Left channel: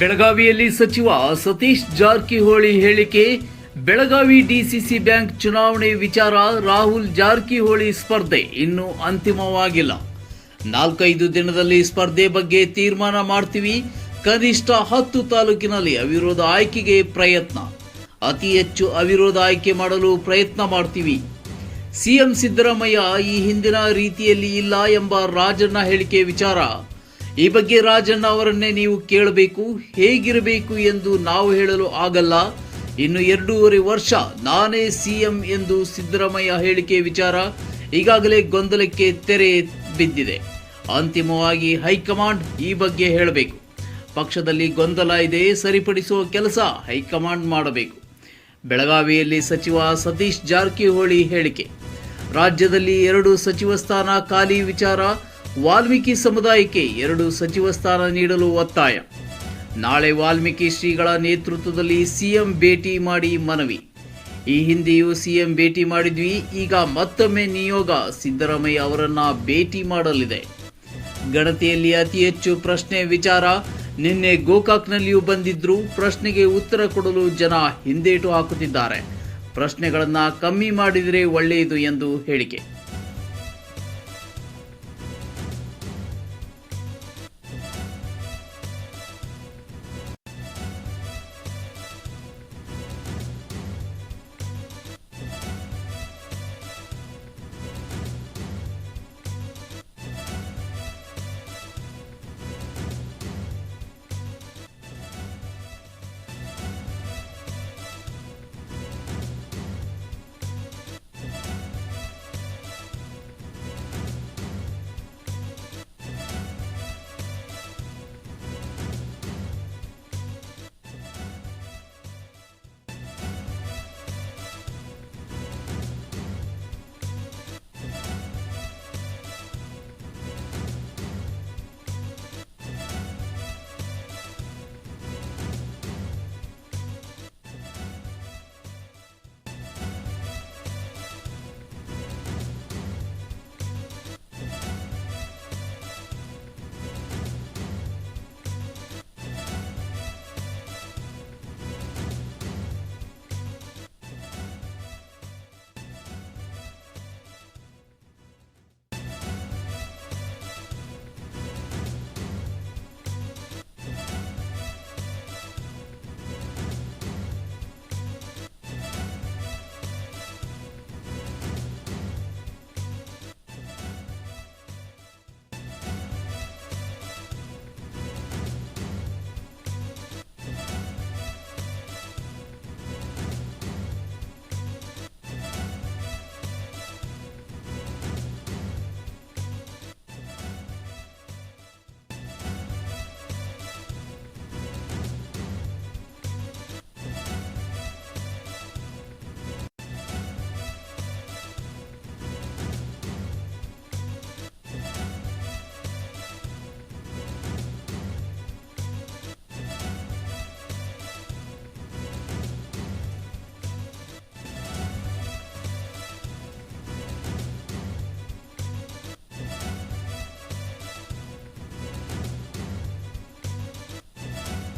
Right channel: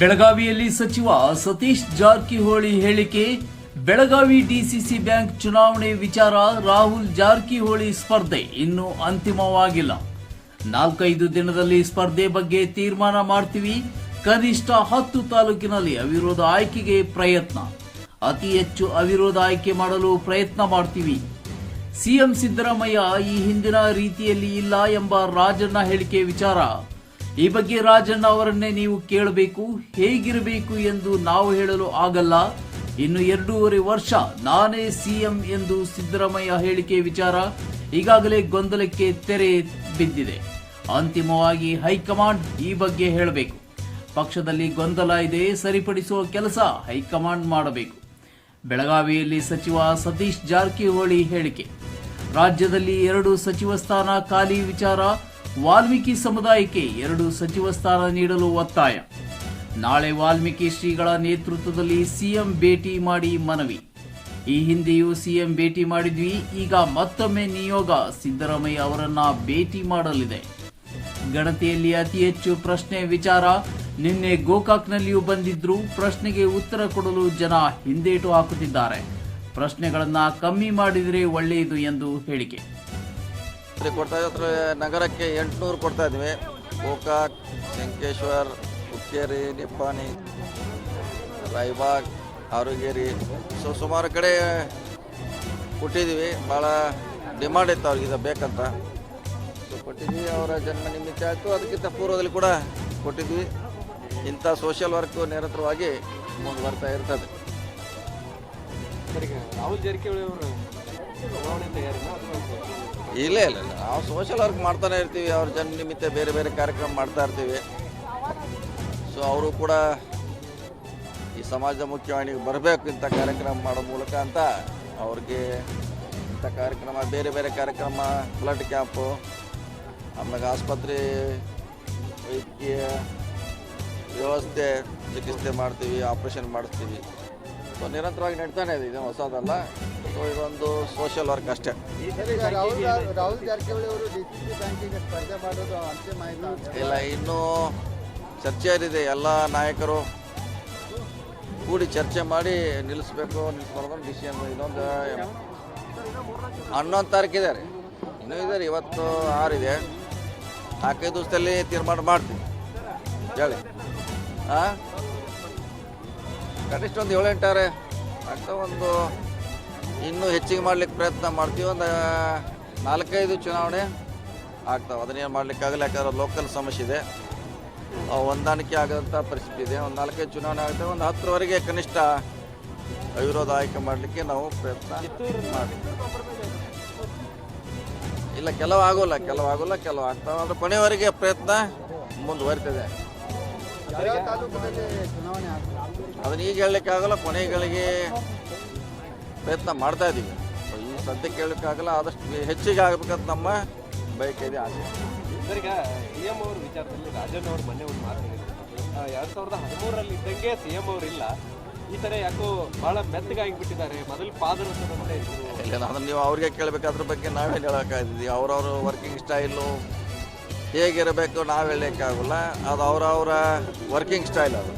ಬೆಳಗಾವಿಯಲ್ಲಿ ಸಚಿವ ಸತೀಶ್ ಜಾರಕಿಹೊಳಿ ಹೇಳಿಕೆ, ಬೆಳಗಾವಿ ಡಿಸಿಸಿ ಬ್ಯಾಂಕ್ ಚುನಾವಣೆ ವಿಚಾರ ರಾಹುಲ್ ಜಾರಕಿಹೊಳಿ ಸ್ಪರ್ಧೆ ಇನ್ನೂ ಅಂತಿಮವಾಗಿಲ್ಲ. ನಾಲ್ಕೈದು ದಿನದಲ್ಲಿ ಸ್ಪರ್ಧೆ ಬಗ್ಗೆ ತೀರ್ಮಾನ ಮಾಡ್ತೀವಿ. ಕನಿಷ್ಠ ಹತ್ತು ತಾಲೂಕಿನಲ್ಲಿ ಅವಿರೋಧ ಆಯ್ಕೆಗೆ ಪ್ರಯತ್ನ. ಅತಿ ಹೆಚ್ಚು ಅವಿರೋಧ ಆಯ್ಕೆ ಮಾಡಲು ಪ್ರಯತ್ನ ಮಾಡ್ತೀವಿ. ಸಿಎಂ ಸಿದ್ದರಾಮಯ್ಯ ಈ ಹಿಂದಿನ ರೀತಿಯಲ್ಲಿ ಇಲ್ಲ ಎಂಬ ರಾಜಣ್ಣ ಹೇಳಿಕೆ ವಿಚಾರ. ಈ ಬಗ್ಗೆ ರಾಜಣ್ಣ ಅವರನ್ನೇ ನೀವು ಕೇಳಬೇಕು, ಹೇಗಿರಬೇಕು ಎಂದು ನಾವು ಹೇಳಲು ಆಗಲ್ಲ. ಇನ್ನು ಎರಡೂವರೆ ವರ್ಷ ನಾನೇ ಸಿಎಂ ಎಂದು ಸಿದ್ದರಾಮಯ್ಯ ಹೇಳಿಕೆ ವಿಚಾರ ಈಗಾಗಲೇ ಗೊಂದಲಕ್ಕೆ ತೆರೆ ಬಿದ್ದಿದೆ. ಅಂತಿಮವಾಗಿ ಹೈಕಮಾಂಡ್ ಈ ಬಗ್ಗೆ ಹೇಳಬೇಕು. ಪಕ್ಷದಲ್ಲಿ ಗೊಂದಲ ಇದೆ, ಸರಿಪಡಿಸುವ ಕೆಲಸ ಹೈಕಮಾಂಡ್ ಮಾಡಬೇಕು. ಬೆಳಗಾವಿಯಲ್ಲಿ ಸಚಿವ ಸತೀಶ್ ಜಾರಕಿಹೊಳಿ ಹೇಳಿಕೆ. ರಾಜ್ಯದಲ್ಲಿ ಎರಡು ಸಚಿವ ಸ್ಥಾನ ಖಾಲಿ ವಿಚಾರ ವಾಲ್ಮೀಕಿ ಸಮುದಾಯಕ್ಕೆ ಎರಡು ಸಚಿವ ಸ್ಥಾನ ನೀಡಲು ಒತ್ತಾಯ. ನಾಳೆ ವಾಲ್ಮೀಕಿ ಶ್ರೀಗಳ ನೇತೃತ್ವದಲ್ಲಿ ಸಿಎಂ ಭೇಟಿ ಮಾಡಿ ಮನವಿ. ಈ ಹಿಂದೆಯೂ ಸಿಎಂ ಭೇಟಿ ಮಾಡಿದ್ವಿ, ಈಗ ಮತ್ತೊಮ್ಮೆ ನಿಯೋಗ ಸಿದ್ದರಾಮಯ್ಯ ಅವರನ್ನ ಭೇಟಿ ಮಾಡಲಿದೆ. ಗಣತಿಯಲ್ಲಿ ಅತಿ ಹೆಚ್ಚು ಪ್ರಶ್ನೆ ವಿಚಾರ, ನಿನ್ನೆ ಗೋಕಾಕ್ನಲ್ಲಿಯೂ ಬಂದಿದ್ರು, ಪ್ರಶ್ನೆಗೆ ಉತ್ತರ ಕೊಡಲು ಜನ ಹಿಂದೇಟು ಹಾಕುತ್ತಿದ್ದಾರೆ. ಪ್ರಶ್ನೆಗಳನ್ನು ಕಮ್ಮಿ ಮಾಡಿದರೆ ಒಳ್ಳೆಯದು ಎಂದು ಹೇಳಿಕೆ. ಇಲ್ಲಿ ಕೊಡ್ತಾ ಇದ್ರೆ ನಗರಕ್ಕೆ ಎಂಟುನೂರು ಕೊಡ್ತಾ ಇದ್ವಿ. ಗೋಕಾಕ್, ವೆಂಕಟೇಶ್ವರ್, ಹುಕ್ಕೇರಿ ನಿಪ್ಪಾನಿ ರಾಯಬಾಗ್ ಆರುಗೇರಿ ಸೊ ಸುಮಾರು ಕಡೆ ಕೊಟ್ಟಿದ್ದೀವಿ ಭಾಳ ಡಿಮಾಂಡ್ ಇತ್ತು ಅವ್ರಿಗೆ ಬೇಕಂತ. ಕೊಟ್ಟಿದ್ವಿ, ಅವರ ಜನ್ಮ ನಿಮಿತ್ತ ಆಯಿತು. ಅದಕ್ಕಿಂತ ಪೂರ್ವದಲ್ಲಿ ಕೂಡ ಕೊಟ್ಟಿದ್ವಿ. ಇಂಥ ಸೋಷಿಯಲ್ ವರ್ಕ್ ನಿರಂತರವಾಗಿ ಮುಂದೆ ಬರ್ತಾ ಇರ್ತದೆ. ರಾಹುಲ್ ಅವರು ಇಲ್ಲ ಇಲ್ಲ. ನಾವು ಸೋಷಿಯಲ್ ವರ್ಕ್ ಮಾಡ್ತಾನೆ ಇರ್ತೀವಿ. ಅವ್ರ ಜನ ನಿಮಿತ್ತ ಬೇರೆ ಬೇರೆ ಕಾರ್ಯಕ್ರಮ ಮಾಡ್ತಾ ಇರ್ತೀವಿ. ಸೊ ಅವರು ಕೂಡ ಈ ಸಮಾಜ ಮುಖ್ಯವಾಹಿನಿಗೆ ಬರಬೇಕು ಇಂಥ ಕಾರ್ಯಕ್ರಮ ಮಾಡೋ ಮೂಲಕ ಅಂತ ಅವ್ರಿಗೆ ಇಂಥ ಕಾರ್ಯಕ್ರಮ, ಬೇರೆ ಬೇರೆ ಕಾರ್ಯಕ್ರಮ ಬ್ಲಡ್ ಕ್ಯಾಂಪು ಆಮೇಲೆ ಆಸ್ಪತ್ರೆ ವೈದ್ಯಕೀಯ ವ್ಯವಸ್ಥೆ ಚಿಕಿತ್ಸೆ ಮಾಡ್ತೀವಿ ಆಪ್ರೇಷನ್ ಮಾಡ್ತೀವಿ. ಸೊ ನಿರಂತರವಾಗಿ ನಡೀತಾನೆ ಇದೆ. ಇದು ಹೊಸದಲ್ಲ. ಸೊ ಇದೊಂದು ಸೋಷಿಯಲ್ ವರ್ಕ್ ಅಷ್ಟೇ. ಇಲ್ಲ, ಇನ್ನೂ ಚರ್ಚೆಯಲ್ಲಿದೆ ಎಲ್ಲ ನಾಯಕರು ಕೂಡಿ ಚರ್ಚೆ ಮಾಡಿ ನಿಲ್ಲಿಸ್ಬೇಕು ನಿಲ್ಲಿಸ್ಬಾರ್ದು ವಿಷಯ ಇನ್ನೊಂದು ಹನ್ನೊಂದು ತಾರೀಕಿದೆ ರೀ ಇನ್ನೂ ಇದೆ ರೀ ಇವತ್ತು ಆರಿದೆ ನಾಲ್ಕೈದು ದಿವಸದಲ್ಲಿ ತೀರ್ಮಾನ ಮಾಡ್ತೀವಿ. ಹೇಳಿ. ಹಾಂ ಕನಿಷ್ಠ ಒಂದು ಏಳೆಂಟಾರೆ ಅಂತ ಒಂದು ಇನ್ನೂ ಹೆಚ್ಚಿಗೆ ಮಾಡ್ಲಿಕ್ಕೆ ಪ್ರಯತ್ನ ಮಾಡ್ತೀವಿ. ಒಂದು ನಾಲ್ಕೈದು ಚುನಾವಣೆ ಆಗ್ತಾವೆ. ಅದನ್ನೇನು ಮಾಡ್ಲಿಕ್ಕಾಗಲ್ಲ, ಯಾಕಂದ್ರೆ ಲೋಕಲ್ ಸಮಸ್ಯೆ ಇದೆ. ಹೊಂದಾಣಿಕೆ ಆಗೋಂಥ ಪರಿಸ್ಥಿತಿ ಇದೆ. ಒಂದು ನಾಲ್ಕೈದು ಚುನಾವಣೆ ಆಗುತ್ತೆ ಒಂದು ಹತ್ತರವರೆಗೆ ಕನಿಷ್ಠ ಅವಿರೋಧ ಆಯ್ಕೆ ಮಾಡಲಿಕ್ಕೆ ನಾವು ಪ್ರಯತ್ನ. ಇಲ್ಲ, ಕೆಲವು ಆಗೋಲ್ಲ ಕೆಲವು ಆಗೋಲ್ಲ, ಕೆಲವು ಆಗ್ತಾವೆ. ಅದು ಕೊನೆಯವರೆಗೆ ಪ್ರಯತ್ನ ಮುಂದುವರಿತದೆ. ಅದನ್ನ ಈಗ ಹೇಳಲಿಕ್ಕೆ ಆಗಲ್ಲ ಕೊನೆಗಳಿಗೆ ಪ್ರಯತ್ನ ಮಾಡ್ತಾ ಇದ್ದೀವಿ. ಈ ಸದ್ಯಕ್ಕೆ ಹೇಳಲಿಕ್ಕಾಗಲ್ಲ ಆದಷ್ಟು ಹೆಚ್ಚಿಗೆ ಆಗಬೇಕಂತ ನಮ್ಮ ಬಯಕೆ ಇದೆ ಆಗಿದೆ. ಈಗ ಸಿ ಎಂ ಅವ್ರ ವಿಚಾರದಲ್ಲಿ ರಾಜನ್ ಅವರು ಮೊನ್ನೆ ಒಂದು ಮಾತು ಹೇಳಿದ್ರು. ಆ, ಎರಡ್ ಸಾವಿರದ ಹದಿಮೂರರಲ್ಲಿ ಇದ್ದಂಗೆ ಸಿ ಎಂ ಅವರಿಲ್ಲ ಈ ಥರ ಯಾಕೋ ಭಾಳ ಮೆತ್ತಗಾಗಿಬಿಟ್ಟಿದ್ದಾರೆ ಮೊದಲು ಪಾದನ ಇಲ್ಲ ಅದನ್ನು ನೀವು ಅವ್ರಿಗೆ ಕೇಳಬೇಕಾದ್ರ ಬಗ್ಗೆ ನಾವೇ ಹೇಳೋಕ್ಕಾಗಿದ್ವಿ ಅವ್ರವ್ರ ವರ್ಕಿಂಗ್ ಸ್ಟೈಲು ಹೇಗಿರಬೇಕು ನಾವು ಹೇಳಲಿಕ್ಕಾಗಲ್ಲ. ಅದು ಅವರವರ ವರ್ಕಿಂಗ್ ಸ್ಟೈಲ್ ಅದು.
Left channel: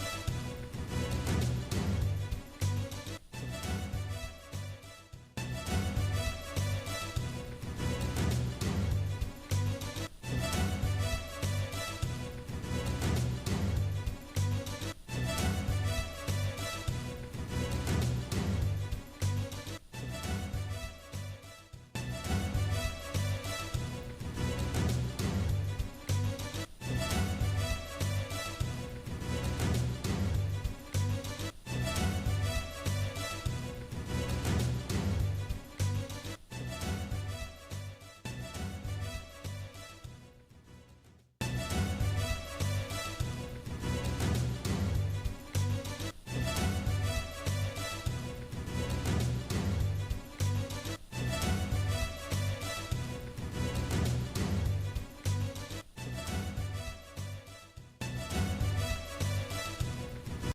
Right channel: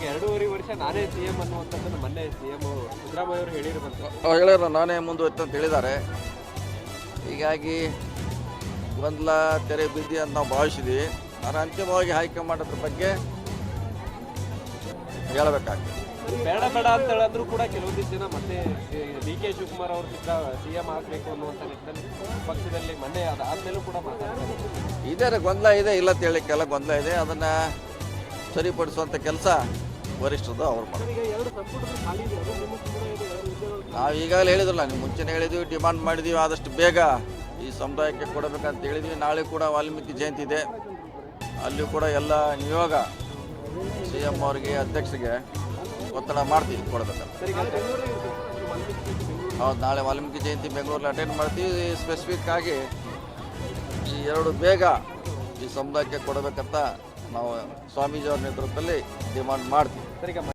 ಸರಿಗೆ ಎರಡೂವರೆ ವರ್ಷ ನಾನೇ ಸಿ ಎಂ ಅನ್ನುವಂಥದ್ದು ಮೊನ್ನೆ ಸಿ ಎಂ ಸಿದ್ದರಾಮಯ್ಯ ಅವರು ಹೇಳಿರುವಂಥ ಅವ್ರು ಹೇಳಿದ್ರು ನಾನೇ ಮುಂದುವರಿತು ಅಂತ ಹೇಳಿದ್ದಾರೆ. ಹೀಗಾಗಿ ಗೊಂದಲ ತೆರೆ ಬಿದ್ದಿ ಅಂತ ನಾವು ಭಾವಿಸಿದ್ವಿ. ನಾನು ಅಂತಿಮವಾಗಿ ಆಯ್ಕೆ ಮಾಡೋದ್ರ ಬಗ್ಗೆ ಹೇಳಬೇಕಾಗ್ತದೆ. ಬೇಡ ಬೇಡ ಅಂತ ಹೇಳಿದ್ರು ಕೂಡ ಕೆಲವೊಂದಿಷ್ಟು ಜನ ಮತ್ತೆ ಡಿ ಕೆ ಶಿವಕುಮಾರ್ ಅವ್ರ ಸಿ ಎಂ ಆಗಬೇಕು ಅನ್ನುವಂಥ ನಿಟ್ಟಿನಲ್ಲಿ ಪಕ್ಷದಲ್ಲಿ ಮೊನ್ನೆ ಅದಾದ್ಮೇಲೂ ಕೂಡ ಮಾತಾಡ್ತಾರೆ. ಇದೆ ಗೊಂದಲ ಇದೆ. ಇಲ್ಲ ಅಂತ ಹೇಳಿಕ್ಕೆಲ್ಲ ಗೊಂದಲ ಇದೆ. ಅದನ್ನು ಸರಿಪಡಿಸುವಂಥ ಕೆಲಸ ವರಿಷ್ಠರು ಅವ್ರು ನಾವು ಈಗಾಗಲೇ ಹೇಳಿದ್ರಲ್ಲ, ನೀವು ಮುಂಚೆನೇ ಹೇಳಿದ್ವಿ ಡಿಮಾಂಡ್ ಮಾಡಿದ್ವಿ, ಆದಷ್ಟು ಬೇಗ ಈ ಸಮುದಾಯಕ್ಕೆ ಕೊಡಬೇಕಂತ ಹೇಳಿದ್ವಿ. ನಾಳೆ ಕೂಡ ವಾಲ್ಮೀಕಿ ಜಯಂತಿ ಇದೆ. ಅಲ್ಲಿ ಕೂಡ ಎಲ್ಲ ನಿಯೋಗ ಸಿ ಎಂ ಅವರಿಗೆ, ಅಧ್ಯಕ್ಷರಿಗೆ ಒತ್ತಡ ಮಾಡ್ತೀವಿ ಕೊಡಬೇಕಂತ ಹೌದು, ನಾಳೆ ವಾಲ್ಮೀಕಿ ಜಯಂತಿ ಬೆಂಗಳೂರಲ್ಲಿ ಅಟೆಂಡ್ ಮಾಡ್ತೀವಿ. ಸ್ಪೆಸಿಫಿಕ್ ಆಗಿ ಈ ಎರಡು ಬೇಗ ಈ ಸಮುದಾಯಕ್ಕೆ ಕೊಡಬೇಕಂತ ನಾವು ಸ್ವಾಮೀಜಿಯವರ ನೇತೃತ್ವದಲ್ಲಿ ಡಿಮಾಂಡ್ ಮಾಡ್ತೀವಿ. ಸರ್, ಈಗ